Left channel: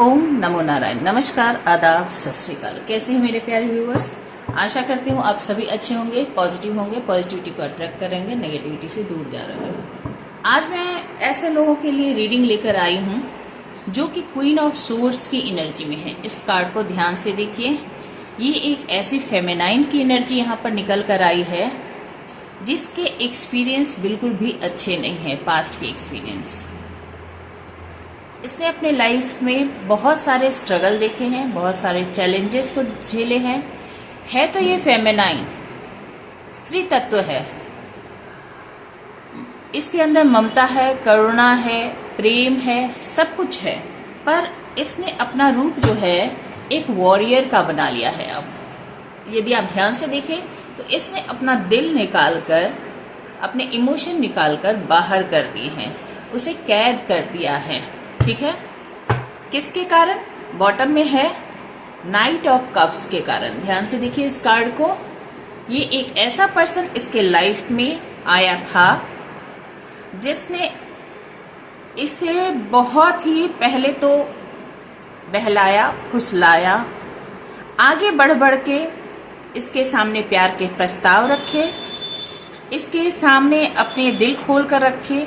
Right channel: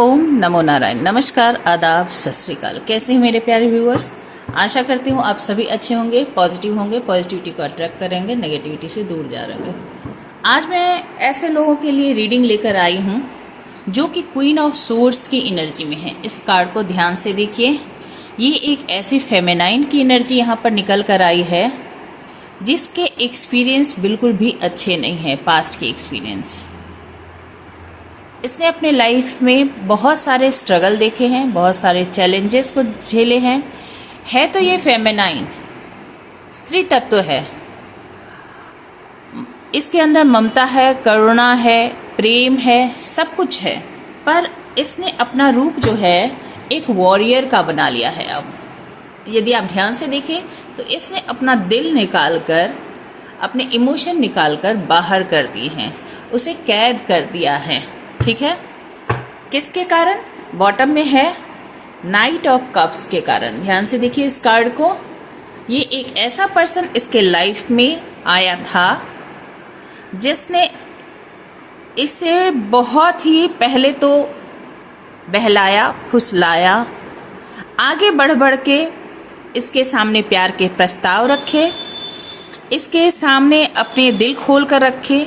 ओम नमो नारायण। नमस्कार, आदाब, सत श्री अकाल। कैसे हैं मेरे प्यारे व्यूअर्स? आशा करती हूँ आप सभी अच्छे होंगे, पॉजिटिव होंगे, पॉजिटिविटी को अट्रैक्ट करेंगे, नेगेटिविटी से दूर जा रहे हैं। आज मैं ऐसे लोगों के लिए रीडिंग लेकर आई हूँ जो कि क्वीन ऑफ सोर्ड्स की एनर्जी में है। इस कार्ड को ध्यान से देखिए। ये एक ऐसी फेमिनाइन की एनर्जी यहाँ पर निकल कर आई है जिसके एक्सपीरियंस बिल्कुल भी अच्छे नहीं है, पास्ट के एक्सपीरियंस। इसने अपने लाइफ में बहुत सारे स्ट्रगल देखे हैं, बहुत सारे चैलेंजेस को झेले हैं। है तो ये फेमिनाइन, स्त्री तत्व है। इसके अंदर ममता है, करुणा है, प्रेम है, सब कुछ है। पर इसने अपना रूप जो है एक वॉरियर का बना लिया है। अब यदि आप ध्यान से देखें तो इसने अपना दिल निकालकर, अपने इमोशन निकालकर बाहर कर दिए हैं, उसे कैद कर दिया है। ठीक है, किसके कारण? बॉटम में है नाइट ऑफ कप्स के कारण। ध्यान से देखिए इस कार्ड को। ये एक ऐसा पर्सन इसके लाइफ में आया था जिसने इसे बहुत ही पहले तो बहलाया, फुसलाया, आगे बढ़ बढ़ के इसके सामने प्यार के प्रस्ताव रखे, इसके सामने अपने दिल खोल कर रखे,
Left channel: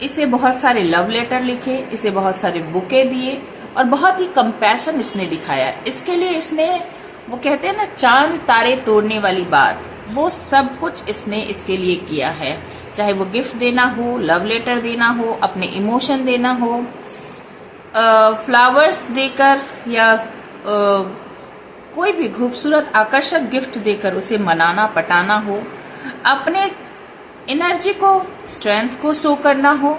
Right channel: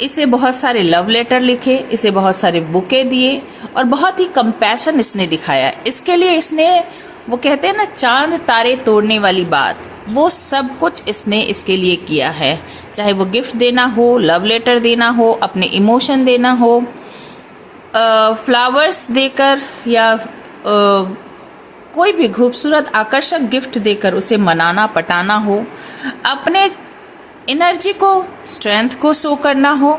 इसे बहुत सारे लव लेटर लिखे, इसे बहुत सारे बुके दिए और बहुत ही कंपैशन इसने दिखाया। इसके लिए इसने, वो कहते हैं ना, चांद तारे तोड़ने वाली बात, वो सब कुछ इसने इसके लिए किया है। चाहे वो गिफ्ट देना हो, लव लेटर देना हो, अपने इमोशन देना हो, फ्लावर्स देकर या कोई भी खूबसूरत आकर्षक गिफ्ट देकर उसे मनाना, पटाना हो, अपने एनर्जी को, स्ट्रेंथ को शो करना हो।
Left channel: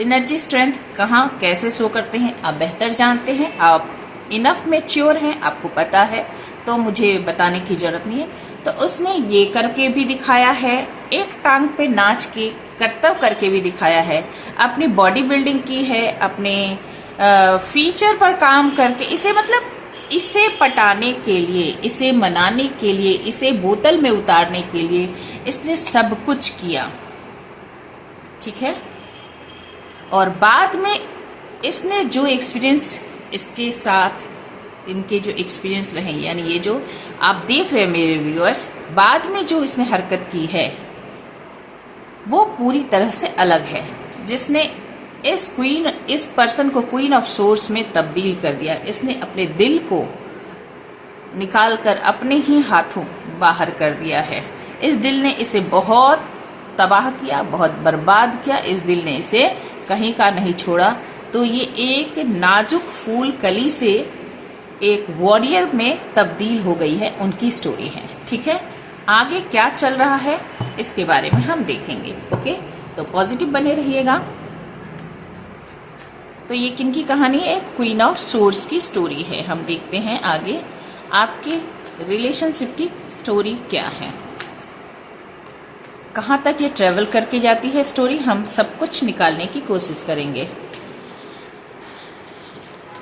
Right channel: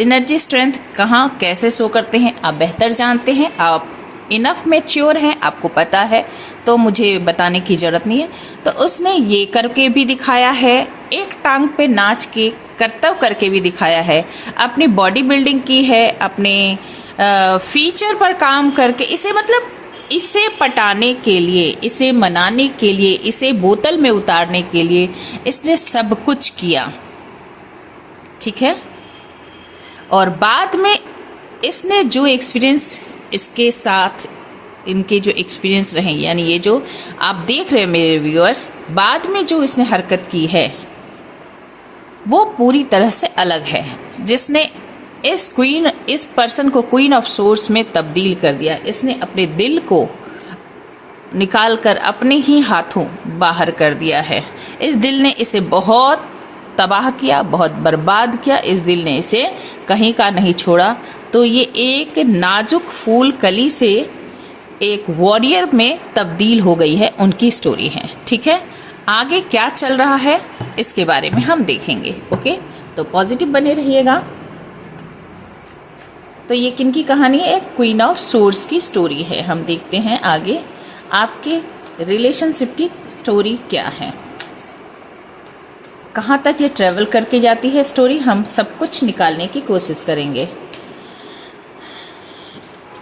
एनर्जी स्ट्रेंथ कहाँ कैसे शो करते हैं आप बेहतर जानते हैं, आप इनफ मैच्योर हैं, आपको पता है, तो मुझे बताने की जरूरत नहीं है। तो उसने ये करके भी दिखाया है, एक टांग पे नाच के करतब करके भी दिखाया है, अपनी बॉडी बिल्डिंग की है, अपने फीचर पर काम करके, इसे मतलब इसे पटाने के लिए, इसे मनाने के लिए, इसे बोतल में उतारने के लिए इसने सब कुछ किया। ठीक है, और बाद में इसने जो एक्सपीरियंस इसके साथ, इनके जो एक्सपीरियंस रहे, यानी ये जो आप देख रहे हैं मेरे व्यूअर्स, बाद में जो इसने हरकत की है वो पूरी तरह से अलग है, जिसने इस पर्सन को क्वीन ऑफ सोर्ड्स में तब्दील कर दिया। इसने अपने दिल को निकालकर अपने ही हाथों बाहर कर दिया है। इस दिल ने इसे बहुत तबाह किया, बहुत बर्बाद किया। इस दिल ने इसे कहीं का नहीं छोड़ा। तो ये एक नाजुक फूल कली से एक वॉरियर में तब्दील हो गई है, उनकी स्टोरी है। ठीक है, आगे क्या चल रहा है इसके बारे में हम देखेंगे। ओके, तो पॉजिटिव बने रहिएगा। तो ये किनकी कहानी है? क्वीन ऑफ सोर्ड्स की स्टोरी है। हम देखते हैं आगे आपके रिलेशनशिप की स्टोरी क्या है, कहाँ तक ये ट्रेवल करके जाती है स्टोरी, हम सब कुछ निकालने की कोशिश करेंगे।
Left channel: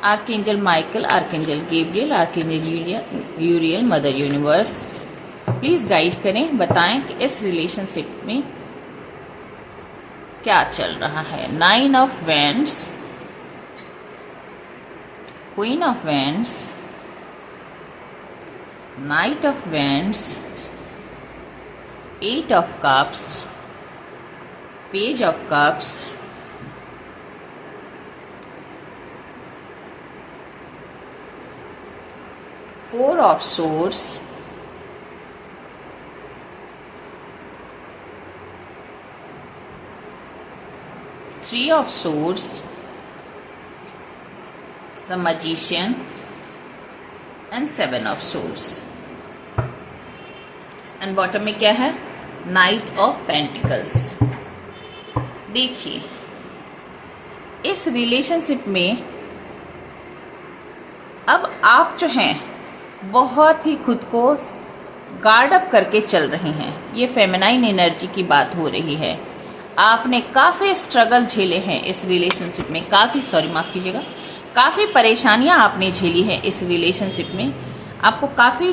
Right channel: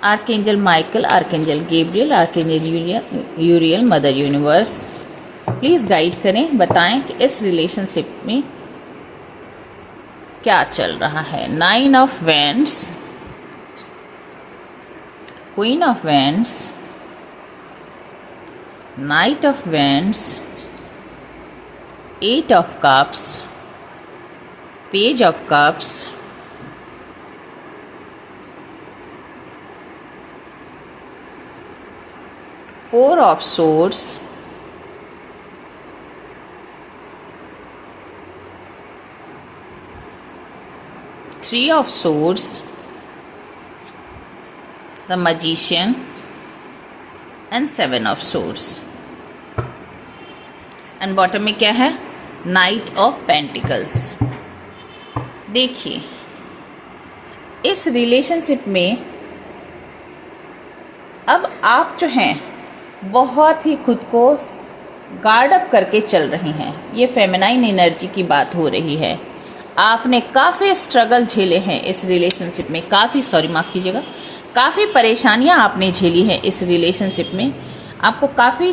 Archangel Michael, archangel Gabriel, archangel यूरियल, mother universe, please guide करें, बताएं कि इस रिलेशनशिप में क्या चल रहा है। 9 of wands, Queen of Wands, Knight of Wands, 8 of Cups, Page of Cups, Four of Swords, Three of Swords, the Magician and 7 of Swords, and bottom में क्या है? Night of pentacles. देखिए इस रिलेशनशिप में अब आप जो हैं बहुत ही खुद को गार्ड अप करके चल रहे हैं। ये फेमिनाइन एनर्जी की बात हो रही है। आपने काफी स्ट्रगल झेले हैं इस रिलेशनशिप में, माफ कीजिएगा, काफी परेशानियां आपने झेली हैं इस रिलेशनशिप में। आपको काफी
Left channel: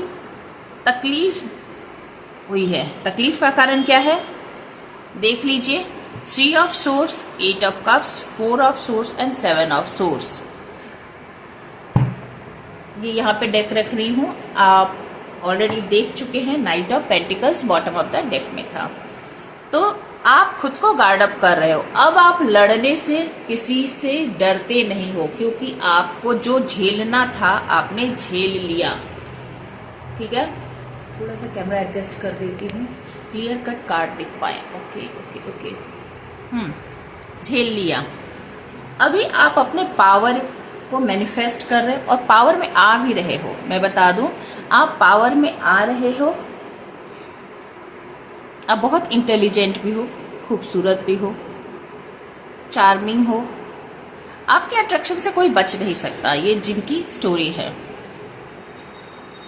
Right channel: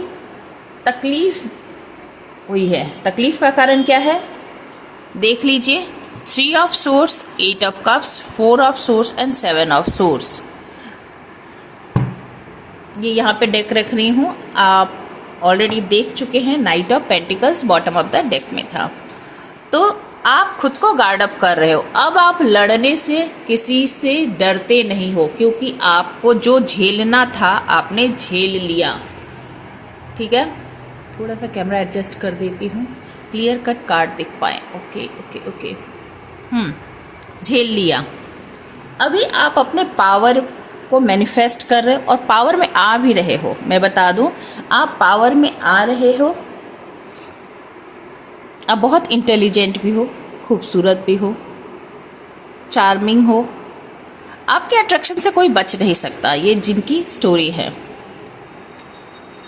तकलीफ हुई है। तकलीफ का कारण क्या है देख लीजिए। 3 of swords, 8 of cups, 4 of swords and 7 of swords। ये यहाँ पे डेक रख रही हूँ, आप ऑलरेडी देख चुके हैं, night of pentacles bottom of the deck में था। तो आप खुद को गार्ड अप कर रहे हो। अब आप लड़ने से किसी से डरते नहीं हो, क्योंकि आपको जो झेलना था आपने झेल लिया। ठीक है, थोड़ा सा कैमरा एडजस्ट कर देती हूँ, क्लियर कट कार्ड दिख पाए। ओके ओके ओके, झेल लिया। अभी आप अपने पावर को मैनिफेस्ट कर रहे हो और पावर में आ भी रहे हो। मैं बता दूं, आप पावर में आ रहे हो। आप बहुत इंटेलिजेंट भी हो, खूबसूरत भी हो, चार्मिंग हो। आपके अट्रैक्शन से कोई बच नहीं सकता, ये जिनकी स्टोरी है।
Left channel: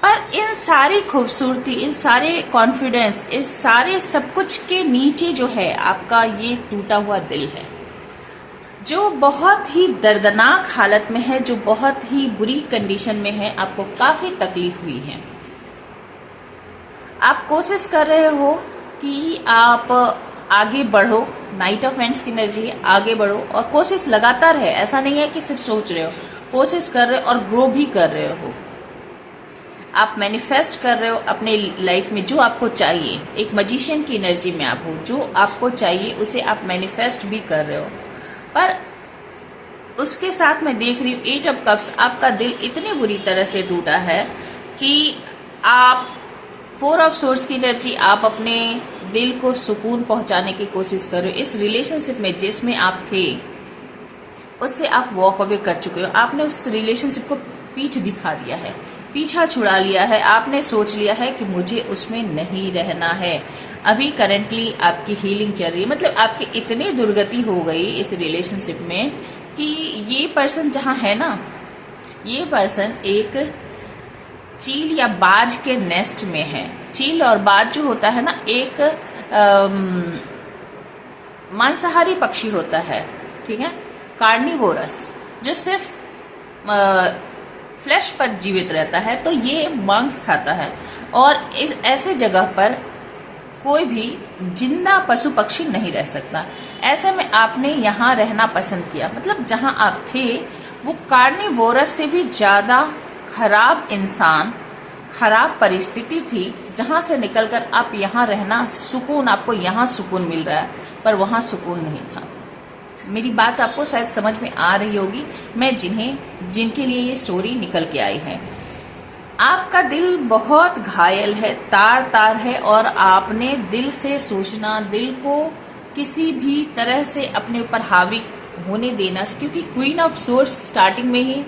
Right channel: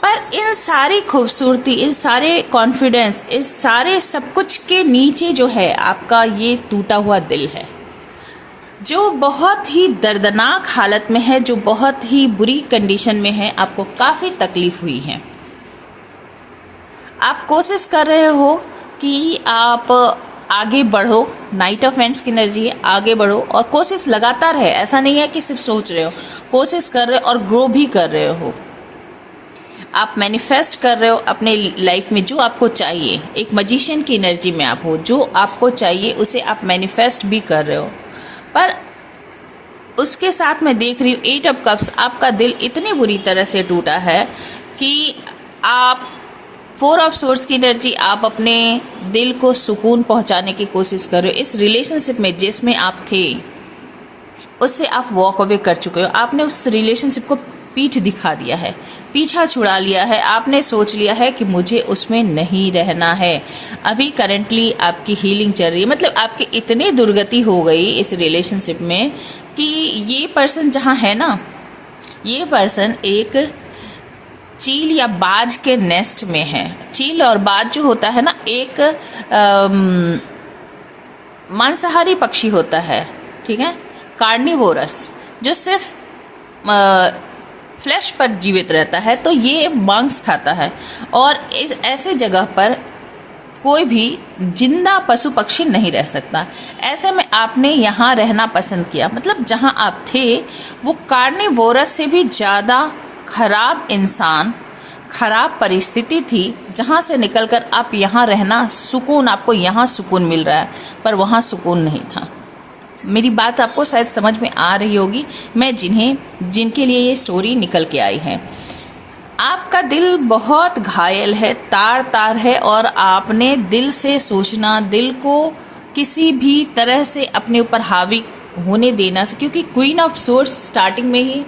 पर इन सारी खूबसूरती, इन सारे कॉन्फिडेंस, इस सारे सब कुछ के नीचे जो है आपका ये टूटा हुआ दिल है, जो बहुत ही दर्दनाक हालत में है, जो बहुत ही बुरी कंडीशन में है। आपको काफी तकलीफ हुई है। आप कोशिश कर रहे हो कि आप आगे बढ़ो। नाइट ऑफ वेंट्स की एनर्जी है, आगे बढ़ो और कोशिश लगातार है। ऐसा नहीं है कि सिर्फ सोच रहे हो, कोशिश कर रहे हो और ग्रो भी कर रहे हो। आप मैनिफेस्ट कर रहे हो अपने लाइफ में जो आपको चाहिए। एक मजिशियन की एनर्जी में आप हो, जो आपको चाहिए उसे आप मैनिफेस्ट भी कर रहे हो। पर उसके साथ मैं देख रही हूँ 8 ऑफ कप्स, आपका दिल इतनी बुरी तरह से टूटा है कि आप 4 ऑफ सोर्स की एनर्जी, आप अपने दिल को सुकून पहुंचाने की कोशिश कर रहे हो। इस रिलेशनशिप में जिसमें आप थे उससे आप वॉक अवे कर चुके हो। आपने उस रिलेशनशिप को पीठ दिखा दिया है, पीछा छुड़ा लिया है। आपने सोच लिया है कि मुझे उसमें नहीं रहना है। अभी करंटली आपकी हीलिंग चल रही है, मतलब आपकी इतनी दुर्गति हो गई इस रिलेशनशिप में कि ये पर्सन जहाँ है ना, ये पर्सन एक चील या बाज के नेस्ट में है। चील और बाज जो होता है ना, एक मांसाहारी पक्षी होता है, ठीक है, कार्निवोरस, जो सिर्फ फ्लैश पर जीवित रहता है। तो ये मांस खाता है और इस ऐसे जगह पर कोई भी जिंदा पशु पक्षी नहीं रह सकता। ऐसे में आपने यहाँ रहना पसंद किया। मतलब जहाँ आप थे वो कार्निवोरस से भी ज्यादा खराब इंसान, खराब परिस्थिति थी, जहाँ से निकलकर आप यहाँ रहना सुकून, आपको यहाँ सुकून मिल रहा है, पर वहाँ सुकून नहीं था। मेरी बात आपको शायद समझ में आ रही होगी। मैं जिनके लिए ये स्टोरी निकल के आई है। आपका दिल बहुत घायल है, तार तार है, और आपने दिल से सोचना, दिल को किसी भी तरह से अपने ऊपर हावी होने देना, क्योंकि क्वीन ऑफ सोर्स स्टार्टिंग में ही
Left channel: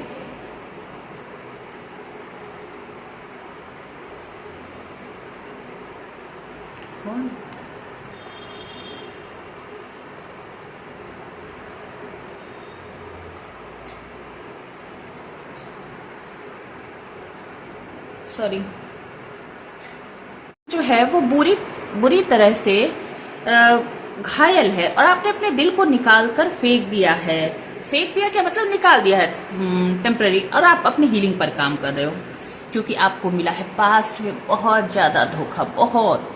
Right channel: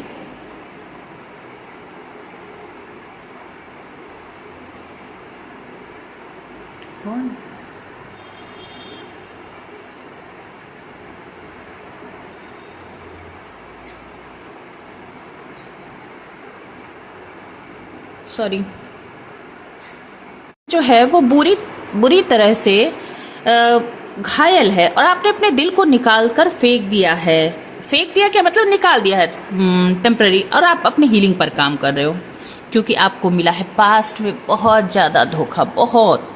सॉरी जो है वो बुरी तरह से घायल है, और आपने अपने दिल को निकाल कर फेंक दिया है। फेंक दिया क्या मतलब, निकाल दिया है टेम्पररी, और आप अपनी हीलिंग पर काम कर रहे हो। क्योंकि आपको मिला है पास्ट में बहुत ज्यादा धोखा, बहुत।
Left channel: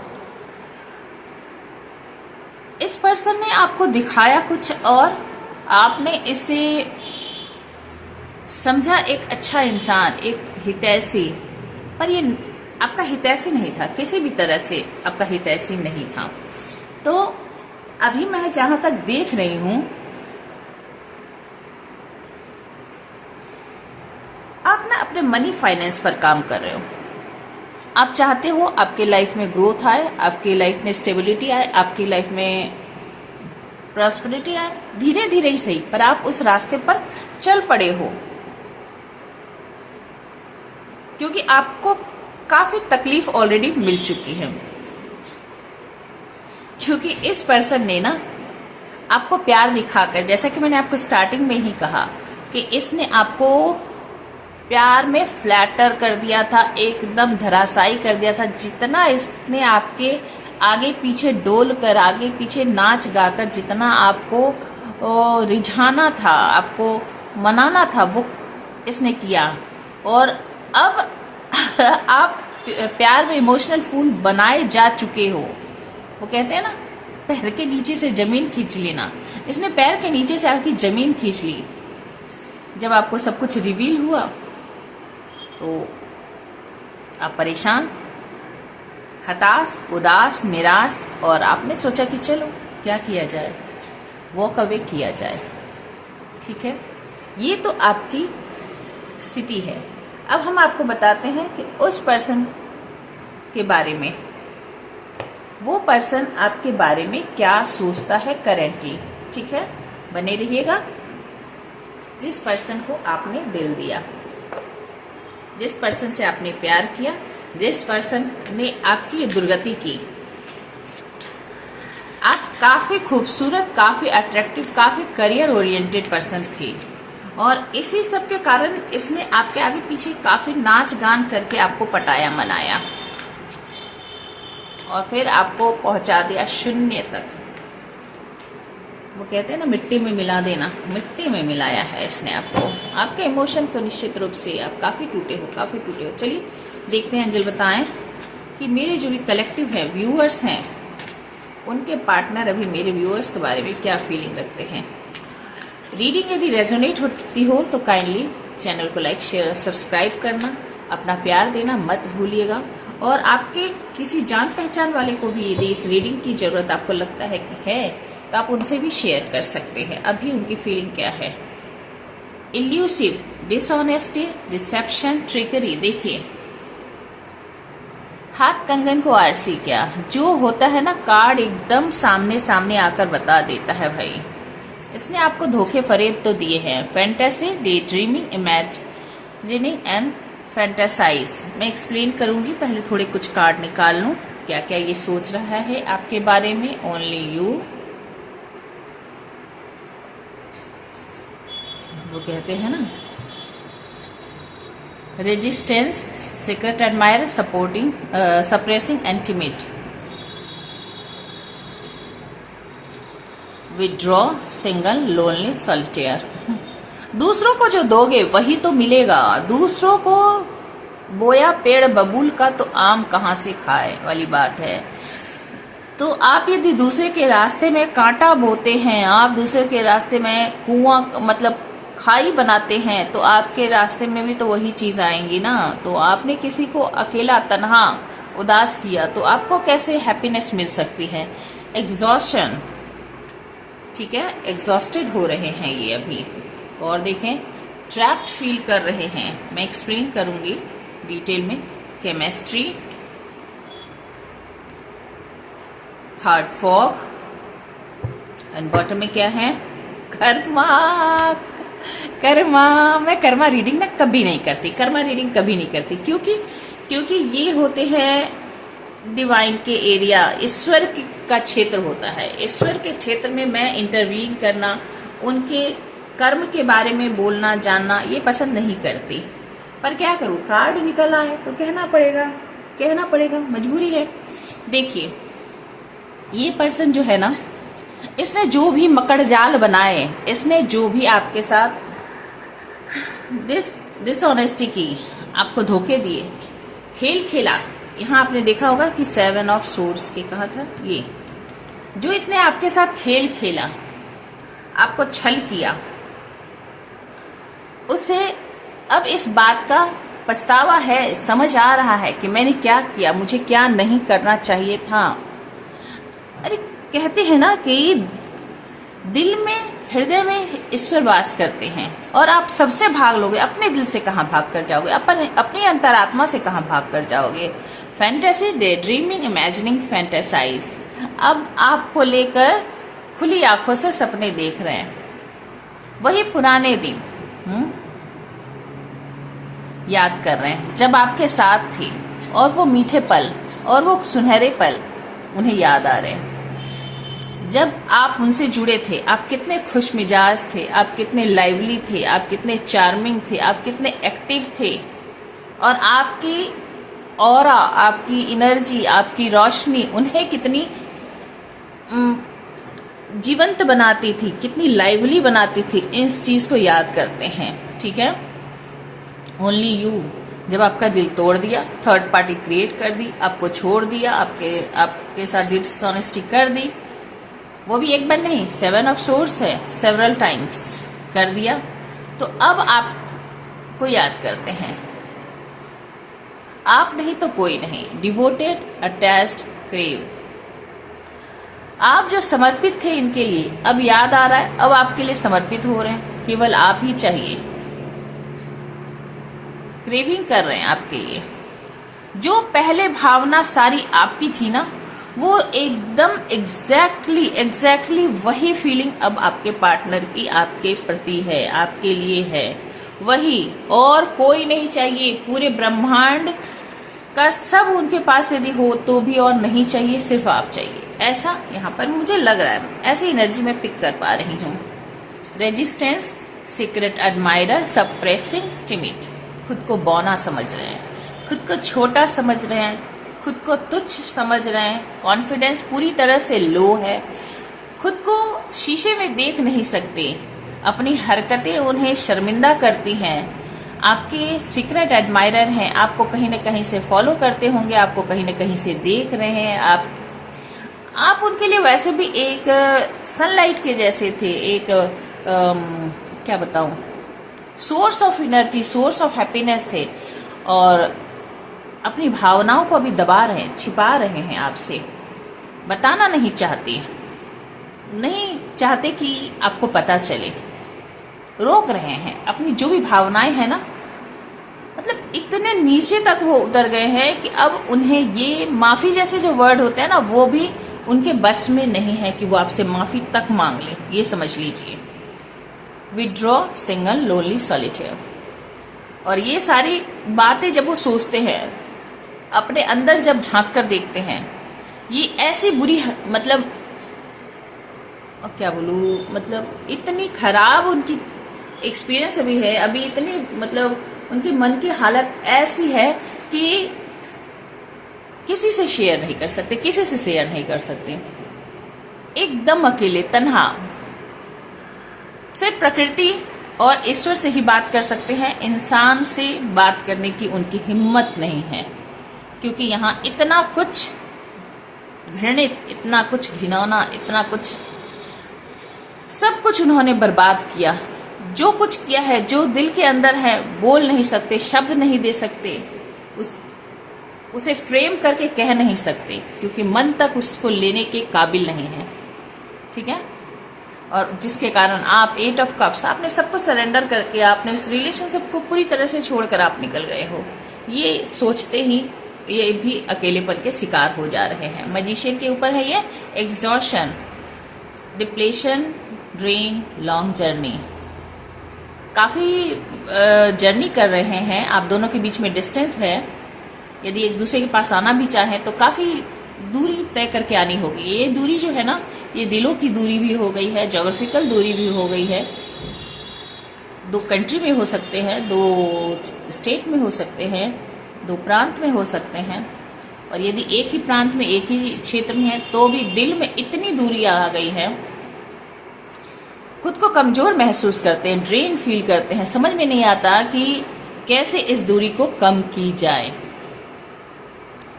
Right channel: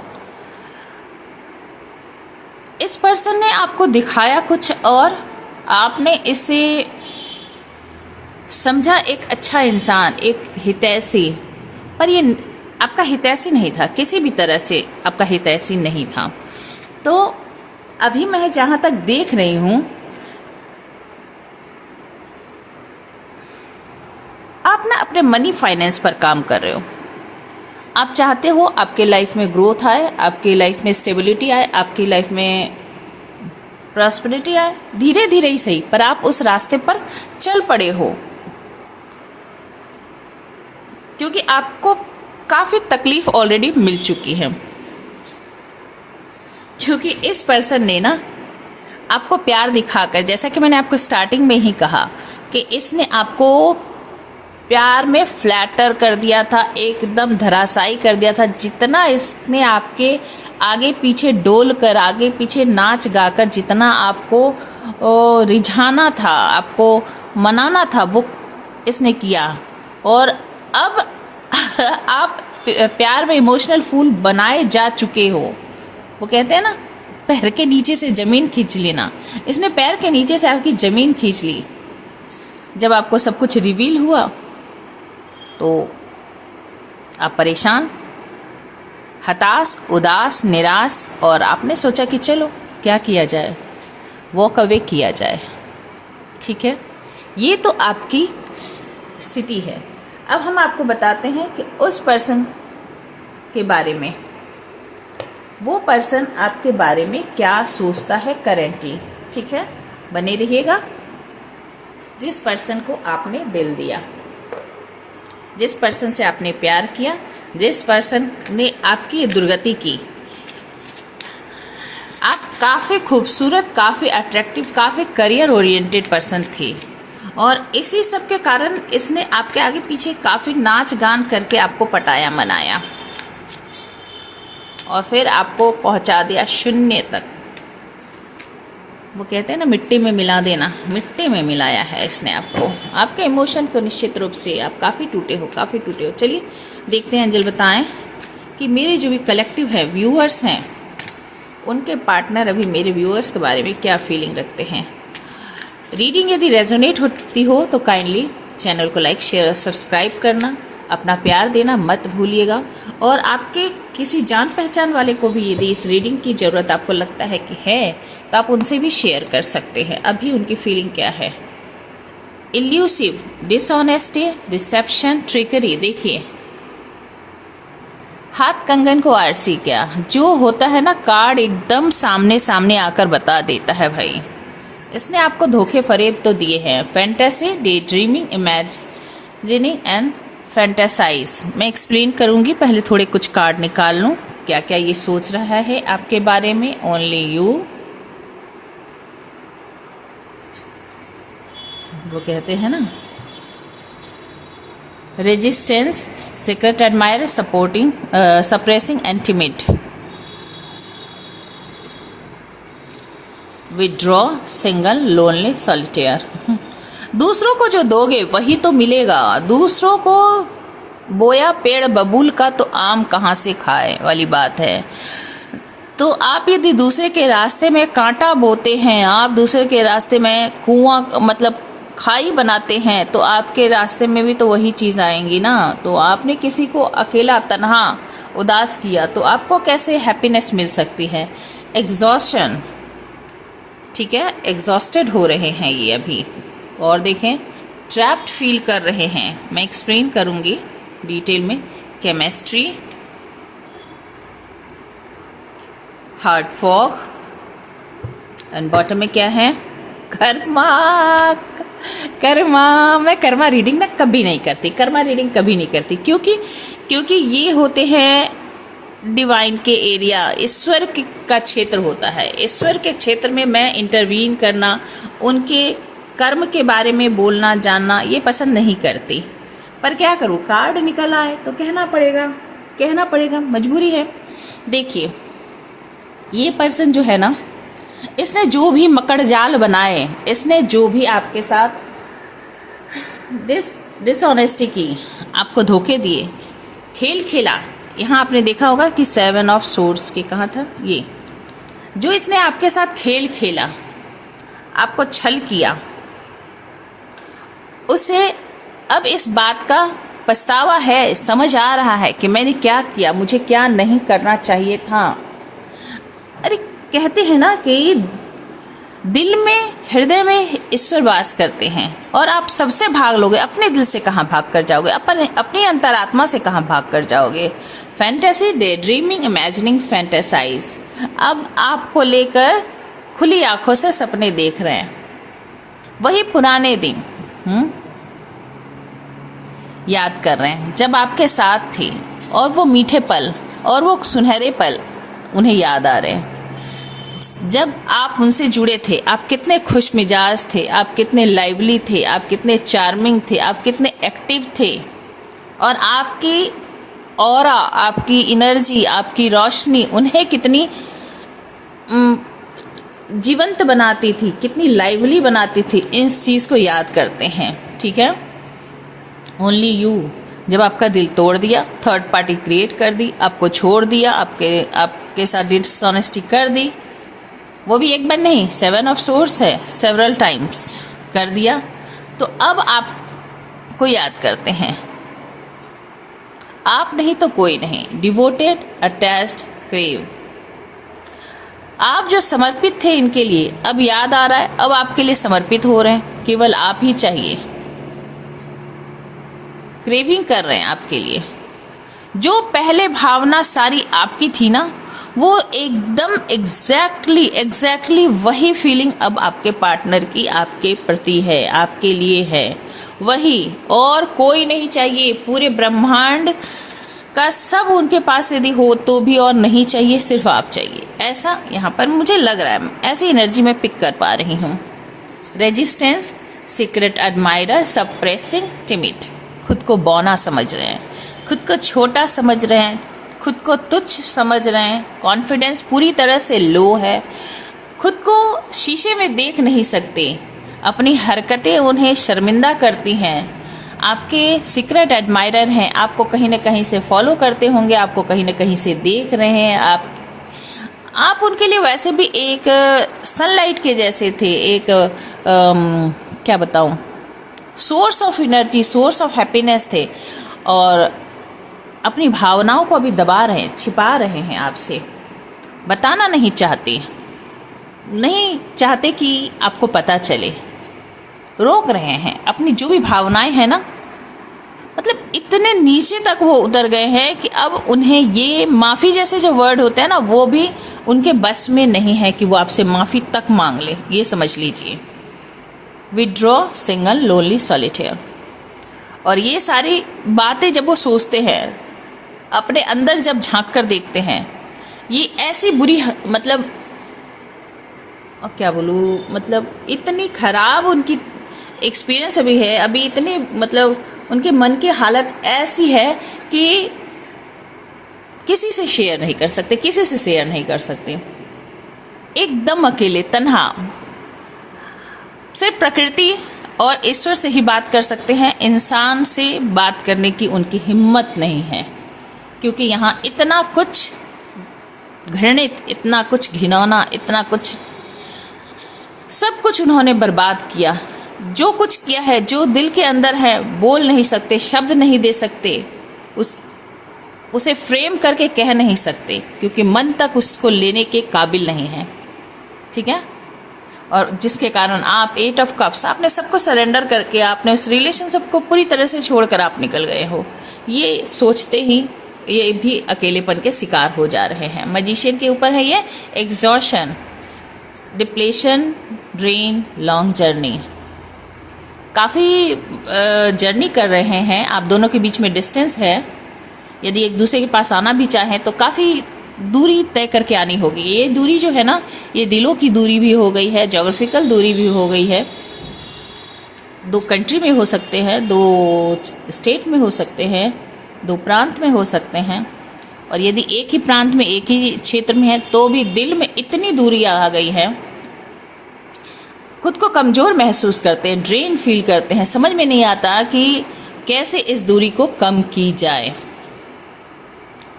इस पर्सन ने आपको दिखाया कुछ और आपने इसे समझा एक अच्छा इंसान, एक हितैषी, पर ये आपका हितैषी नहीं था, किसी भी तरह से आपका हितैषी नहीं था। तो अभी मैं जहां तक देख रही हूं, आप ना अपने मनी फाइनेंस पर काम कर रहे हो। आप चाहते हो आपके लाइफ में ग्रोथ आए, आपकी लाइफ में स्टेबिलिटी आए, आपकी लाइफ में प्रॉस्पेरिटी आए, धीरे धीरे ही सही, पर आप उस रास्ते पर चल पड़े हो। क्योंकि आपको काफी तकलीफ ऑलरेडी मिल चुकी है। क्योंकि इस पर्सन ने ना आपको प्यार दिखाकर, जैसा कि मैंने आपको स्टार्टिंग में ही कहा कि इसने आपको प्यार में फ्लैटर कर दिया था, एकदम धराशायी कर दिया था। जितना इसने आपके आगे पीछे डोल कर, आगे पीछे नाच गाकर जितना आपको रिझाना था, आपको मनाना था, वो इसने किया। और अब आप प्यार में इमोशनल फूल बनाए जा चुके हो। वो कहते हैं ना, पैर के नीचे से जमीन खींच लेना। इसने पैर के नीचे से आपकी जमीन खींच ली। जब आपको सब कुछ रिवील हुआ तो आप परेशान, हताश, उदास, निराश, और आपने सोचा कि चलो क्या किया जाए, वॉक अवे किया जाए। ठीक है, ये तो आपकी स्थिति है। अब हम आपको बताते हैं कि उस पर्सन के बारे में, वो पर्सन आपके बारे में क्या सोचता है करेंटली। ठीक है, बने रहिएगा। जिस पर्सन को आपने दिल दिया, जिस पर्सन से आपने प्यार किया, जिस पर्सन ने आपकी दुर्गति की, आप काफ़ी खूबसूरत, काफ़ी अट्रैक्टिव, काफ़ी करियर ओरिएंटेड पर्सन थे, और इसी सब के कारण इसने आपके आगे पीछे काफ़ी नाच गान करके आपको पटाया मनाया, और फिर आपको पहुंचा दिया शून्य तक। वो कहते हैं ना, मिट्टी में मिला देना, मिट्टी में मिलाया है इसने आपको, आपके इमोशन को। निश्चित रूप से आप काफ़ी टूटे हो, काफ़ी टूटे हो। चलिए देखते हैं, एंजल बताएं कि मेरे जो भी कलेक्टिव है, व्यूअर्स हैं, उनके पार्टनर अभी मेरे व्यूअर्स के बारे में क्या फीलिंग रखते हैं। रीडिंग यदि रेजोनेट होती हो तो काइंडली चैनल को लाइक, शेयर और सब्सक्राइब करना, अपना प्यार देना मत भूलिएगा। और आपके किसी जान पहचान वाले को भी यदि इस रीडिंग की ज़रूरत आपको लगता है कि है, तो आप उनसे भी शेयर कर सकते हैं। अभी उनकी फीलिंग क्या है। Elusive, dishonesty, deception, trickery. देखिए, हाथ कंगन को आरसी, क्या जो होता है ना, कार्ड एकदम सामने सामने आकर बता देता है भाई। इसने आपको धोखे फरेब तो दिए हैं। Fantasy, day dreaming, imagining and fantasise. मैं एक्सप्लेन करूंगी, पहले थोड़े कुछ कार्ड निकाल लूं, क्या क्या ये सोच रहा है आपके बारे में। ओनली यू, वो कहते हैं ना, resistance, secret admire, supporting, suppressing, intimate, withdraw, single, lonely, solitaire. दूसरों को जो दोगे वही तो मिलेगा। दूसरों को बोया पेड़ बबूल का तो आम कहाँ से खाए वाली बात है। तो आप यदि दूसरे के रास्ते में कांटा बोते हैं, आप दूसरे के रास्ते में कुआं मतलब खाई बनाते हैं, तो आपके रास्ते में भी तो वही चीज आएंगी ना। तो आपने किसी को अकेला, तन्हा, उदास किया, तो आपको कैसे हैप्पीनेस मिल सकती है। एग्जॉस्शन, ठीक है, एग्जॉस्टेड हो रहे हैं ये अभी। और देखें, ट्रैप्ड फील कर रहे हैं। मैं एक्सप्लेन करूंगी डिटेल में। Chemistry, hard fog, and bottom में क्या है, कर्मा। कर्मा, मैं कर्मा रीडिंग ना कभी नहीं करती, कर्मा रीडिंग कभी नहीं करती, क्योंकि ये होते हैं डिवाइन के एरिया, ईश्वर का क्षेत्र होता है। ईश्वर के क्षेत्र में मैं इंटरवीन करना, उनके कर्म के बारे में बोलना, जानना, ये पसंद नहीं करती। पर क्या करूं, कार्ड निकल आए तो कहना पड़ेगा, मजबूरी है। देखिए, ये पर्सन जो है ना, इसने जो भी मकड़ जाल बनाए, इसने जो भी आपके साथ डिसऑनेस्टी की, आपको धोखे दिए, खेल खेला। यहाँ आपने देखा होगा कि 7 ऑफ सोर्ड्स के कहा था, ये जो इसने आपके साथ खेल खेला, आपको छल किया, उसे अब इस बात का पछतावा है, समझ आ रहा है कि मैंने क्या किया, मुझे क्या नहीं करना चाहिए था। अरे कहते हैं ना कि दिल में, हृदय में ईश्वर वास करते हैं, और आप सबसे भाग लोगे, अपने दिल से कहाँ भाग कर जाओगे, अपनी अंतरात्मा से कहाँ भाग कर जाओगे। Fantasy, day dreaming, imagining, fantasise. अब आपको लेकर खुली आंखों से सपने देख रहे हैं, वही पुराने दिन याद कर रहे हैं जब आपके साथ थी, और वो मीठे पल और वो सुनहरे पल उन्हें याद आ रहे हैं। जब आप उनसे जुड़े थे, आप कितने खुश मिजाज थे, आप कितने लाइवली थे, आप कितने चार्मिंग थे, आप कितने एक्टिव थे, और आपकी ऑरा, आपकी एनर्जी, आपकी रोशनी उन्हें कितनी जीवंत बनाती थी, कितनी लाइवली बनाती थी। इस चीज को याद करते हैं, ठीक है। ओनली यू, जब आपका दिल तोड़ दिया, थर्ड पार्टी क्रिएट कर दी, आपको छोड़ दिया, आपके साथ डिसऑनेस्टी कर दी, वो भी एक बार नहीं, 7 ऑफ सोर्स है, सेवरल टाइम्स कर दिया। तो अब आपको याद करते हैं, आप नहीं तो कोई नहीं, डिवोटेड, अटैच्ड, क्रेव। आप जो समर्पित थे इनके लिए, अब याद आ रहा है, अब आपके लिए समर्पित हो रहे हैं, केवल आप ही चाहिए। क्रेविंग कर रहे हैं आपके लिए। जो पहले भावना सारी आपकी थी ना, वो एकदम एग्जैक्टली वही फीलिंग अब आपके पार्टनर की आपके प्रति है, आपके लिए है वही, और कोई नहीं चाहिए। पूरे ब्रह्मांड का सब उनके पास यदि हो तो भी और नहीं चाहिए, सिर्फ आप चाहिए। ऐसा यहाँ पर मुझे लग रहा है, ऐसी एनर्जी मैं पिक कर पा रही हूँ। Resistance, secret admirer, suppressing, timid. खुद को बौना समझ रहे हैं, खुद को छोटा समझ रहे हैं, खुद को तुच्छ समझ रहे हैं। कॉन्फिडेंस पूरी तरह से लो है, खुद को शीशे में देख नहीं सकते, अपनी हरकतें उन्हें शर्मिंदा करती हैं। आपके सीक्रेट एडमायरर हैं, आपको कहीं न कहीं से फॉलो करते होंगे, आपको कहीं न कहीं से देख रहे हैं। आप उनके लिए वैसे भी एक सनलाइट के जैसे थे, एक क्या बताऊं, source of energy, source of happiness थे, और अपनी भावनाओं को अभी दबा रहे हैं, छिपा रहे हैं, आपसे बताना नहीं चाहते कि आपको पता चले, रोक रहे हैं। अपनी जो भी भावनाएं हैं ना, मतलब इतने नीचे तक वो उतर गए हैं कि अब उन्हें ये माफी जैसे जो वर्ड होता है ना, वो भी उनके बस में नहीं है कि वो आपसे माफी तक मांग ले, ये समझ लीजिए। Withdraw, single, lonely, solitaire. और ये सारी बातें जब वो सोचते हैं, अपने अंदर जब झांक कर देखते हैं, ये ऐसी बुरी, मतलब क्या बोलूं, मतलब इतनी खराब उनकी एक्सपीरियंस अभी है, अभी इतनी, मतलब उनके मन की हालत ऐसी है कि किसी से शेयर नहीं कर सकते, किसी से शेयर नहीं कर सकते, एकदम अकेले, तन्हा। सिर्फ प्रकृति और ईश्वर से ही बात कर सकते हैं, इंसान से बात करने की उनकी हिम्मत नहीं है, क्योंकि यहाँ इतना कुछ घृणित, इतना कुछ घिनौना, इतना कुछ, सब कुछ उन्होंने बर्बाद किया। जो कुछ किया है, जो दिल के अंदर है, बोल नहीं सकते, शब्द नहीं दे सकते, उसे फ्रेम करके कह नहीं सकते, क्योंकि मन तक उसको लेने के काबिल नहीं है। ठीक है, और जिसके कारण आप 8 ऑफ कप्स, आपने सबको सरेंडर करके, आपने उस रिलेशनशिप को पूरी तरह से छोड़कर आप निकल गए हो। ये सोचते ही ये भी अकेलेपन के शिकार हो जा रहे हैं। मैजिशियन के ऊपर है ये exhaustion, depletion, drain, long journey. काफ़ी जर्नी कर रहे हैं, आप दोनों के बीच में डिस्टेंस है। यदि एक दूसरे के पास आना भी चाहे तो काफ़ी दूरी तय करके आनी होगी। ये दूरी जो है ना, ये दिलों की दूरी भी हो गई है, ज्योग्राफिकल दूरी भी हो गई है। 2 कंट्री में हो सकते हैं, 2 स्टेट में हो सकते हैं, 2 प्रांत में हो सकते हैं, और यदि एक ही प्रांत में, एक ही क्षेत्र में है, तो भी दिल में इतनी दूरी आ गई है। खुद को कमजोर महसूस करते हैं, ड्रेन फील करते हैं, समझ में नहीं आता कि कैसे इस दूरी को कम की जाए।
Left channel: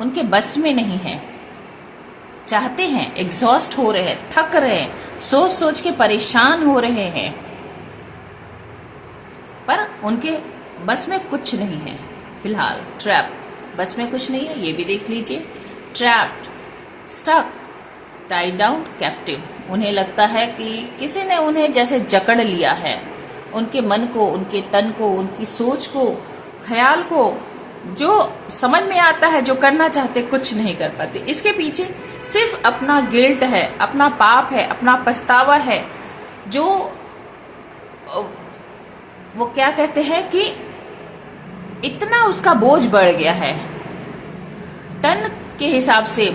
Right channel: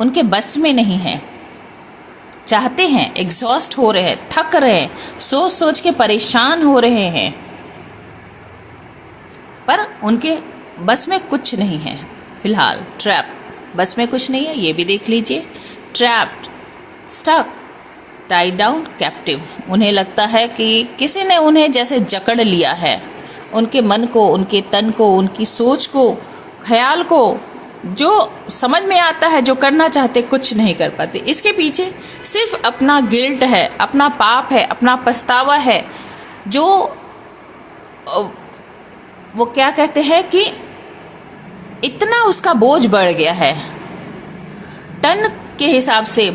उनके बस में नहीं है, चाहते हैं, एग्जॉस्ट हो रहे हैं, थक रहे हैं, सोच सोच के परेशान हो रहे हैं, पर उनके बस में कुछ नहीं है फिलहाल। ट्रैप, बस में कुछ नहीं है, ये भी देख लीजिए। Trapped, stuck, tied down, captive. उन्हें लगता है कि किसी ने उन्हें जैसे जकड़ लिया है, उनके मन को, उनके तन को, उनकी सोच को, ख्याल को। जो समझ में आता है, जो करना चाहते, कुछ नहीं कर पाते। इसके पीछे सिर्फ अपना गिल्ट है, अपना पाप है, अपना पछतावा है, जो वो क्या कहते हैं कि इतना उसका बोझ बढ़ गया है, टन के हिसाब से,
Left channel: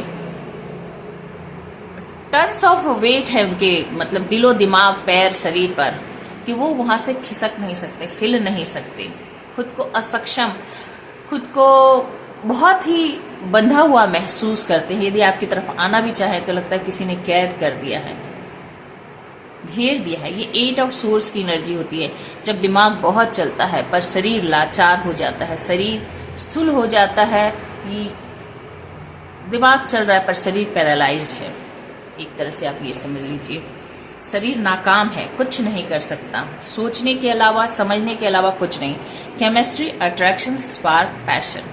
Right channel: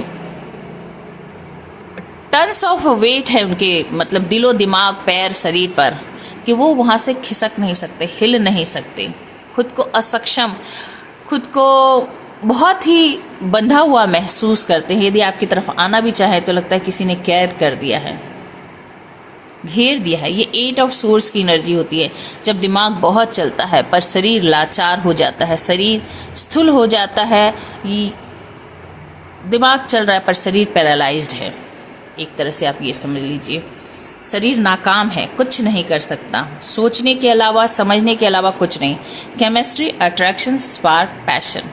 टन्स ऑफ वेट है उनके, मतलब दिलो दिमाग, पैर, शरीर पर, कि वो वहां से खिसक नहीं सकते, हिल नहीं सकते। खुद को असक्षम, खुद को बहुत ही बंधा हुआ महसूस करते हैं। यदि आपकी तरफ आना भी चाहे तो लगता है किसी ने कैद कर दिया है, घेर दिया है। ये 8 ऑफ सोर्स की एनर्जी होती है, जब दिमाग बहुत चलता है पर शरीर लाचार हो जाता है, शरीर स्थूल हो जाता है। दिमाग चल रहा है पर शरीर पैरालाइज्ड है। एक तरह से आप ये समझ लीजिए, शरीर नाकाम है, कुछ नहीं कर सकता, सोचने के अलावा, समझने के अलावा कुछ नहीं। Chemistry, attraction, spark, passion.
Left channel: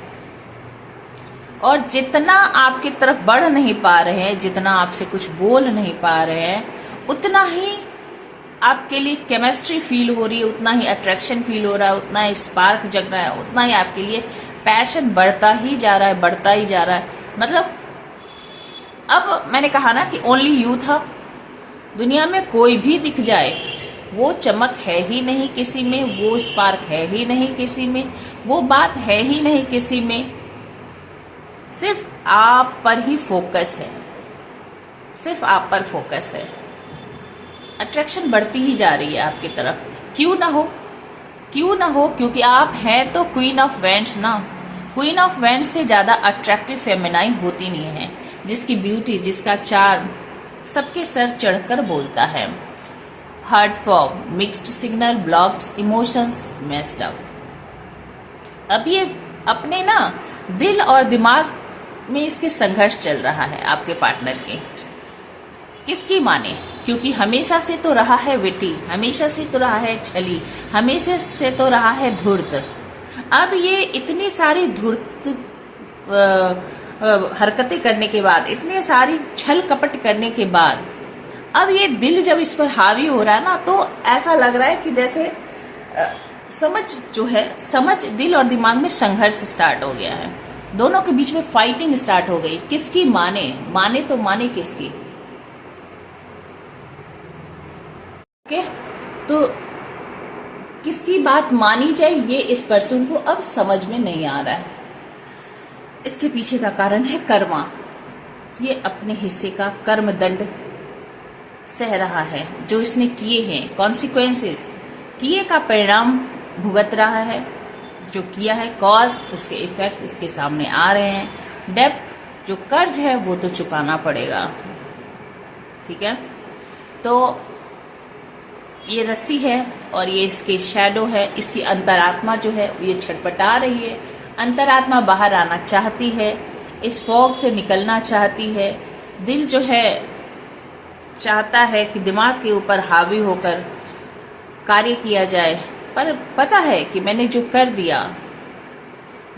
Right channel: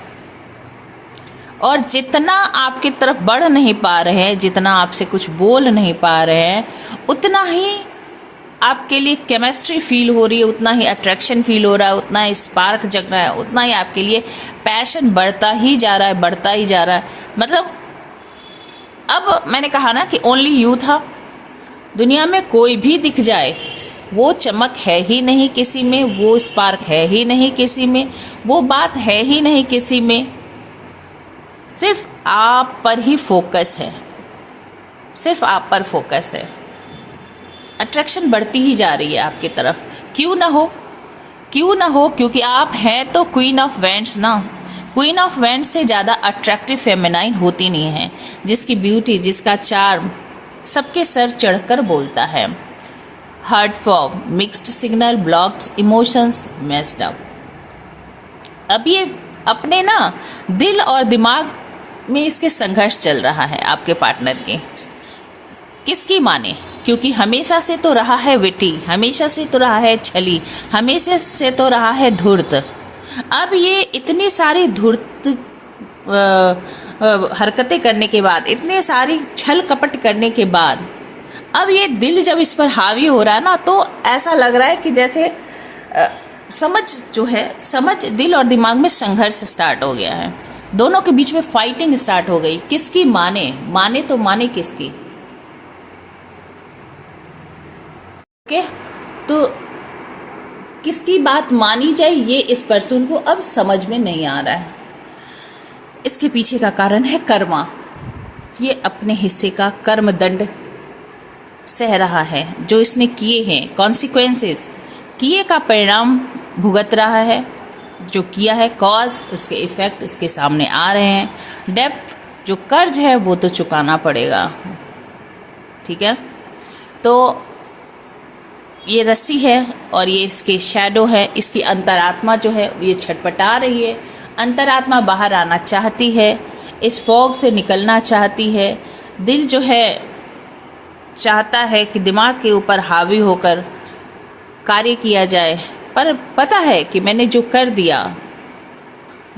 और जितना आपकी तरफ बढ़ नहीं पा रहे हैं, जितना आपसे कुछ बोल नहीं पा रहे हैं, उतना ही आपके लिए केमिस्ट्री फील हो रही है, उतना ही अट्रैक्शन फील हो रहा है, उतना ही स्पार्क जग रहा है, उतना ही आपके लिए पैशन बढ़ता ही जा रहा है, बढ़ता ही जा रहा है। मतलब अब मैंने कहा ना कि ओनली यू था, दुनिया में कोई भी दिख जाए, वो चमक है ही नहीं किसी में, वो स्पार्क है ही नहीं किसी में, वो बात है ही नहीं किसी में। सिर्फ आप पर ही फोकस है, सिर्फ आप पर फोकस है। अट्रैक्शन बढ़ती ही जा रही है आपकी तरफ। क्यों ना हो, क्यों ना हो, क्योंकि आप हैं तो क्वीन ऑफ वैंड्स ना। क्वीन ऑफ वैंड्स से ज़्यादा अट्रैक्टिव फेमिनाइन होती नहीं है, जिसकी ब्यूटी, जिसका चार्म सबके सर चढ़कर बोलता है। Heart fog, mixed signal, blocked emotions, messed up. अब ये अपने ना दिल और दिमाग में इसके संघर्ष चल रहा है आपके पार्टनर के। किसकी माने? क्योंकि हमेशा से तो रहा है विटी, हमेशा से तो रहा है छली, हमेशा से तो रहा है धूर्त। अब ये इतनी सारी धूर्त हरकतें करने के बाद, इतने सारी छल कपट करने के बाद, अब ये दिल जब इस पर हावी हो रहा है ना, तो ऐसा लग रहा है कि जैसे समझ जो है, समझ दिल और दिमाग में संघर्ष स्टार्ट हो गया है। दोनों के बीच में फाइटिंग स्टार्ट हो गई। किसकी माने? माने तो माने किसकी? ओके, तो किसकी बात मानी जाए, ये इस पर्सन को अब समझ में नहीं आ रहा है। इसके पीछे का कारण है कर्मा। ये अपने हिस्से का कर्म दंड सह रहा है, जो इसने किए हैं, कॉन्सिक्वेंसेस, किए का परिणाम भुगत रहा है। जो किया है, कॉज, इसके इफेक्ट इसके सामने आ रहे हैं। डेब्ट, जो कर्ज है, वो तो चुकाना पड़ेगा। ठीक है, तो ये रस्सी है और ये इसके शैडो है। इसकी अंतरात्मा जो है ये छटपटा रही है। अंतरात्मा बाहर आना चाहती है, इस फॉग से निकलना चाहती है। दिल जो है चाहता है कि दिमाग के ऊपर हावी होकर कार्य किया जाए, पर पता है कि मैंने जो कर दिया,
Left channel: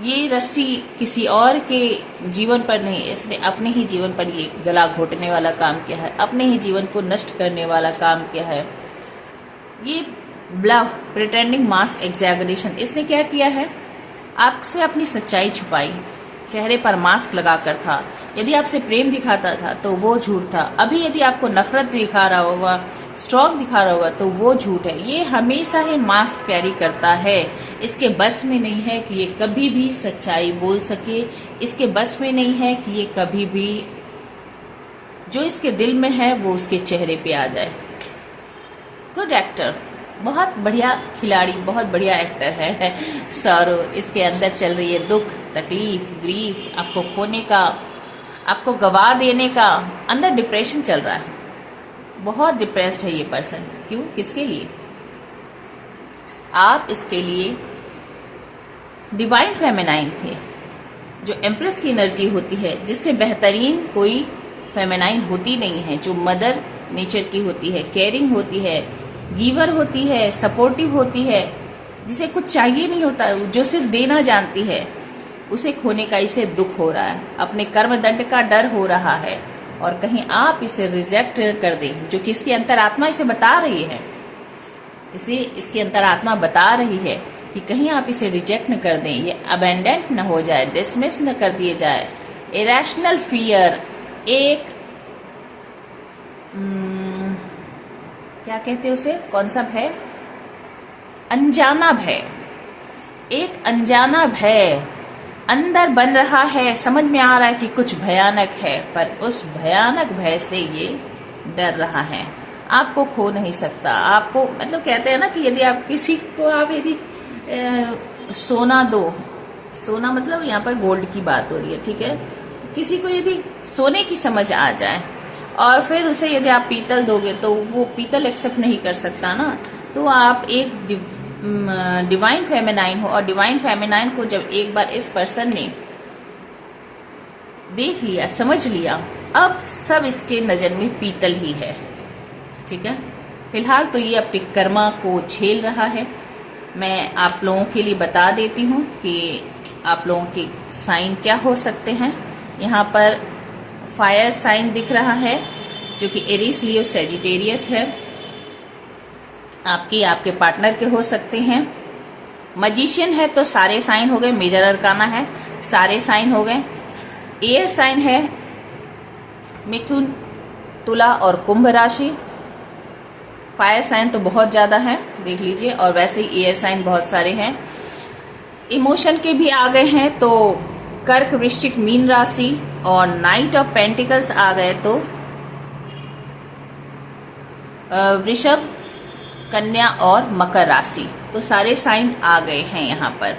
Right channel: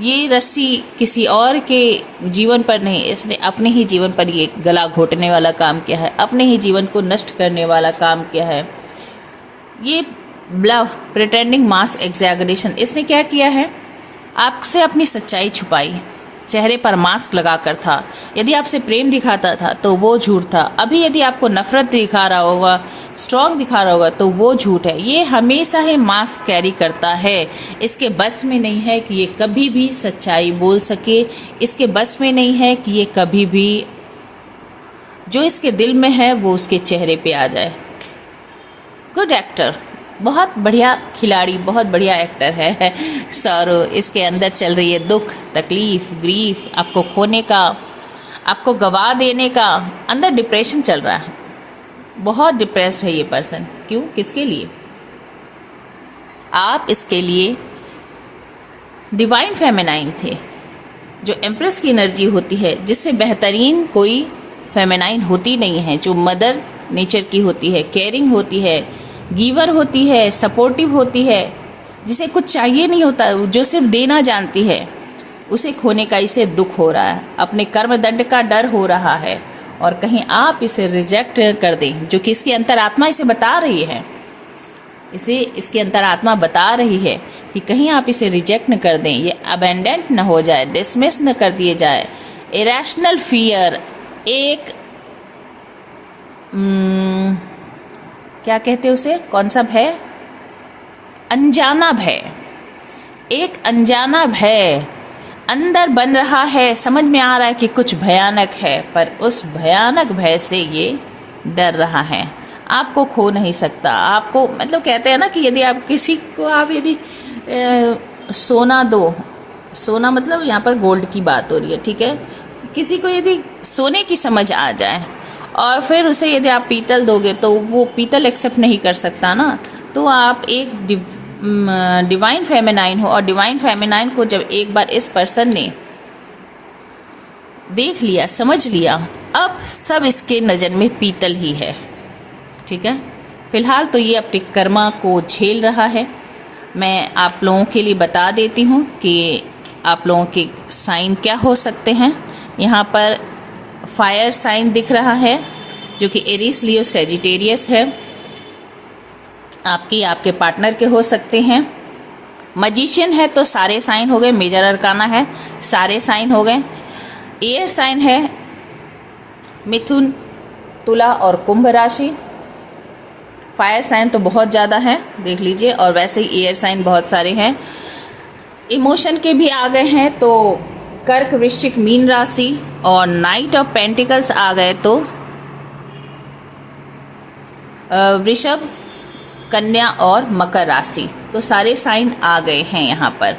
ये रस्सी किसी और के जीवन पर नहीं, इसने अपने ही जीवन पर ये गला घोटने वाला काम किया है, अपने ही जीवन को नष्ट करने वाला काम किया है। ये ब्लफ, प्रिटेंडिंग, मास एग्जैगरेशन, इसने क्या किया है? आपसे अपनी सच्चाई छुपाई, चेहरे पर मास्क लगाकर था। यदि आपसे प्रेम दिखाता था तो वो झूठ था। अभी यदि आपको नफरत दिखा रहा होगा, स्ट्रॉन्ग दिखा रहा होगा, तो वो झूठ है। ये हमेशा ही मास्क कैरी करता है। इसके बस में नहीं है कि ये कभी भी सच्चाई बोल सके। इसके बस में नहीं है कि ये कभी भी जो इसके दिल में है वो उसके चेहरे पे आ जाए। गुड एक्टर, बहुत बढ़िया खिलाड़ी, बहुत बढ़िया एक्टर है सौरव। इसके अंदर चल रही है दुख, तकलीफ, ग्रीफ, आपको खोने का, आपको गवा देने का। अंदर डिप्रेशन चल रहा है, बहुत डिप्रेस्ड है ये पर्सन। क्यों? किसके लिए? आप इसके लिए डिवाइन फेमिनाइन थे, जो एम्प्रेस की एनर्जी होती है, जिससे बेहतरीन कोई फेमिनाइन होती नहीं है, जो मदर नेचर की होती है, केयरिंग होती है, गिवर होती है, सपोर्टिव होती है, जिसे कुछ चाहिए नहीं होता, जो सिर्फ देना जानती है। उसे खोने का इसे दुख हो रहा है, अपने कर्म दंड का डर हो रहा है, और कहीं आप इसे रिजेक्ट कर दें, जो कि इसकी अंतरात्मा इसे बता रही है। इसे इसकी अंतरात्मा बता रही है कि कहीं आप इसे रिजेक्ट न कर दें, ये अबेंडेंट न हो जाए, डिसमिस न कर दिए जाए। इरेशनल फियर, एक क्या कहते हैं उसे, कौन सा भय? अनजाना भय। एक अनजाना भय अंदर बन रहा है। समझ में आ रहा है कि कुछ भयानक है, पर उस भयानक भय से ये डर रहा है। आपको खो नहीं सकता। आपको, मतलब कहते हैं ना कि यदि आप किसी को, आप यदि सोना दो, सोना मतलब यहाँ पर गोल्ड की बात हो रही है, ठीक है। किसी को यदि सोने की समझ आ जाए और फिर उसे यदि आप पीतल दोगे तो वो पीतल एक्सेप्ट नहीं कर सकता ना। तो आप एक डिवाइन फेमिनाइन हो, और डिवाइन फेमिनाइन को जब एक बार इस पर्सन ने देख लिया, समझ लिया, अब सब इसके नज़र में पीतल ही है। ठीक है, फिलहाल तो ये अपने कर्मा को झेल रहा है। मैं आप लोगों के लिए बता देती हूँ कि आप लोगों के साइन क्या हो सकते हैं। यहाँ पर फायर साइन दिख रहा है जो कि एरीज, लियो, सेजिटेरियस है। आपके पार्टनर के हो सकते हैं। मजिशियन है तो सारे साइन हो गए, मेजर अरकाना है सारे साइन हो गए। एयर साइन है मिथुन, तुला और कुंभ राशि। फायर साइन तो बहुत ज़्यादा है, देख लीजिए, और वैसे ही एयर साइन बहुत सारे हैं। इमोशन के भी आ गए हैं तो कर्क, वृश्चिक, मीन राशि, और नाइट ऑफ पेंटिकल्स आ गए तो वृषभ, कन्या और मकर राशि। तो सारे साइन आ गए हैं यहाँ पर।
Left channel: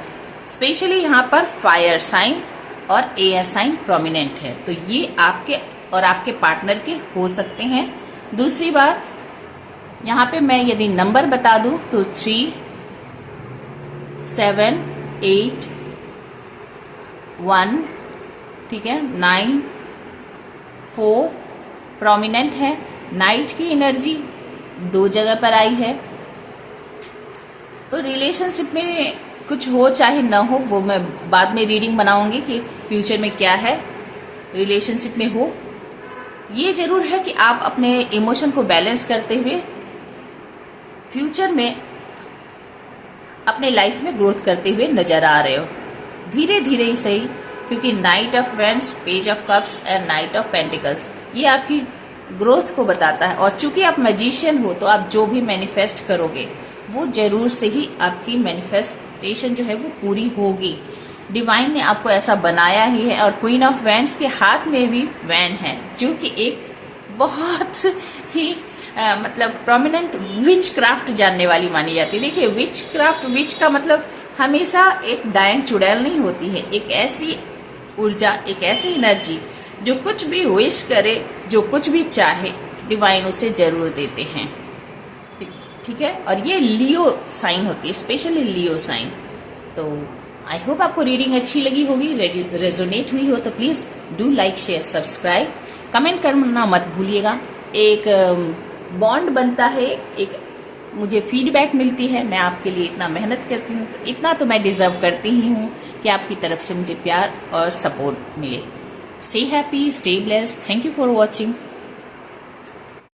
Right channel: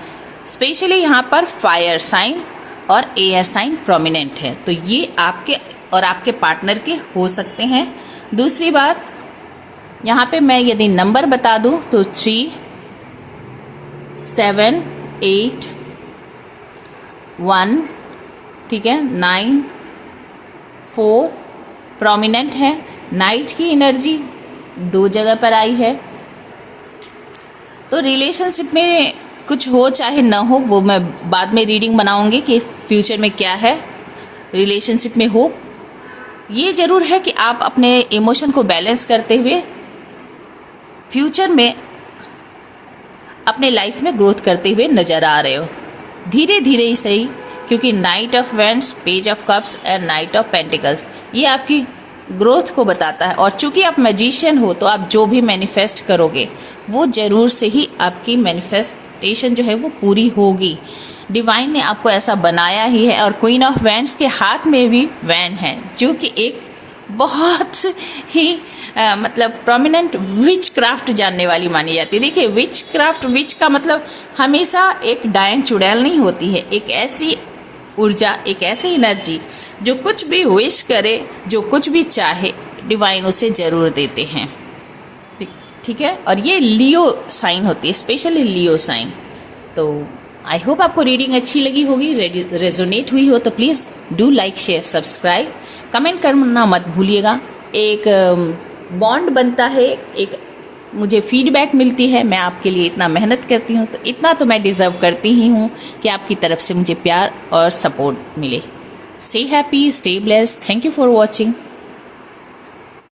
स्पेशली यहाँ पर फायर साइन और एयर साइन प्रोमिनेंट है, तो ये आपके और आपके पार्टनर के हो सकते हैं। दूसरी बात, यहाँ पे मैं यदि नंबर बता दूं तो 3, 7, 8, 1, ठीक है, 9, 4 प्रोमिनेंट है। नाइट की एनर्जी 2 जगह पर आई है। तो रिलेशनशिप में कुछ हो चाहे न हो, वो मैं बाद में रीडिंग बनाऊंगी कि फ्यूचर में क्या है रिलेशनशिप में हो। ये जरूर है कि आप अपने इमोशन को बैलेंस करते हुए फ्यूचर में अपने लाइफ में ग्रोथ करते हुए नजर आ रहे हो, धीरे धीरे ही सही, क्योंकि night of wands, page of cups and night of pentacles ये आपकी ग्रोथ को बताता है। और चूंकि आप मैजिशियन हो तो आप जो भी मैनिफेस्ट करोगे वो जरूर से ही आपकी मैनिफेस्टेशन जो है वो पूरी होगी। डिवाइन ने आपको ऐसा बनाया ही है। और क्वीन ऑफ वैंड्स के हाथ में भी वैंड है, जो कि एक बहुत ही मतलब प्रोमिनेंट विच क्राफ्ट जानने वाली मानी जाती है। देखिए, विच क्राफ्ट, विच का मतलब हमेशा एक डायन चुड़ैल नहीं होती है, एक ऐसी ऊर्जा, एक ऐसी एनर्जी जो कुछ भी विश करे, जो कुछ भी चाहे, डिवाइन उसे जरूर देते हैं। ठीक है, और ये लियो साइन होती है, स्पेशली लियो साइन। तो आई होप आपको रीडिंग अच्छी लगी होगी, रेजोनेट हुई हो तो please do like, share, subscribe, comment करना मत भूलिएगा। एक बॉन्ड बनता है, एक मुझे फीडबैक मिलती है, मैं आपके लिए इतना मेहनत करती हूँ तो इतना तो मैं डिजर्व करती ही हूँ कि आपकी तरफ से मुझे प्यार और सपोर्ट मिले। Stay happy, stay blessed, thank you for watching.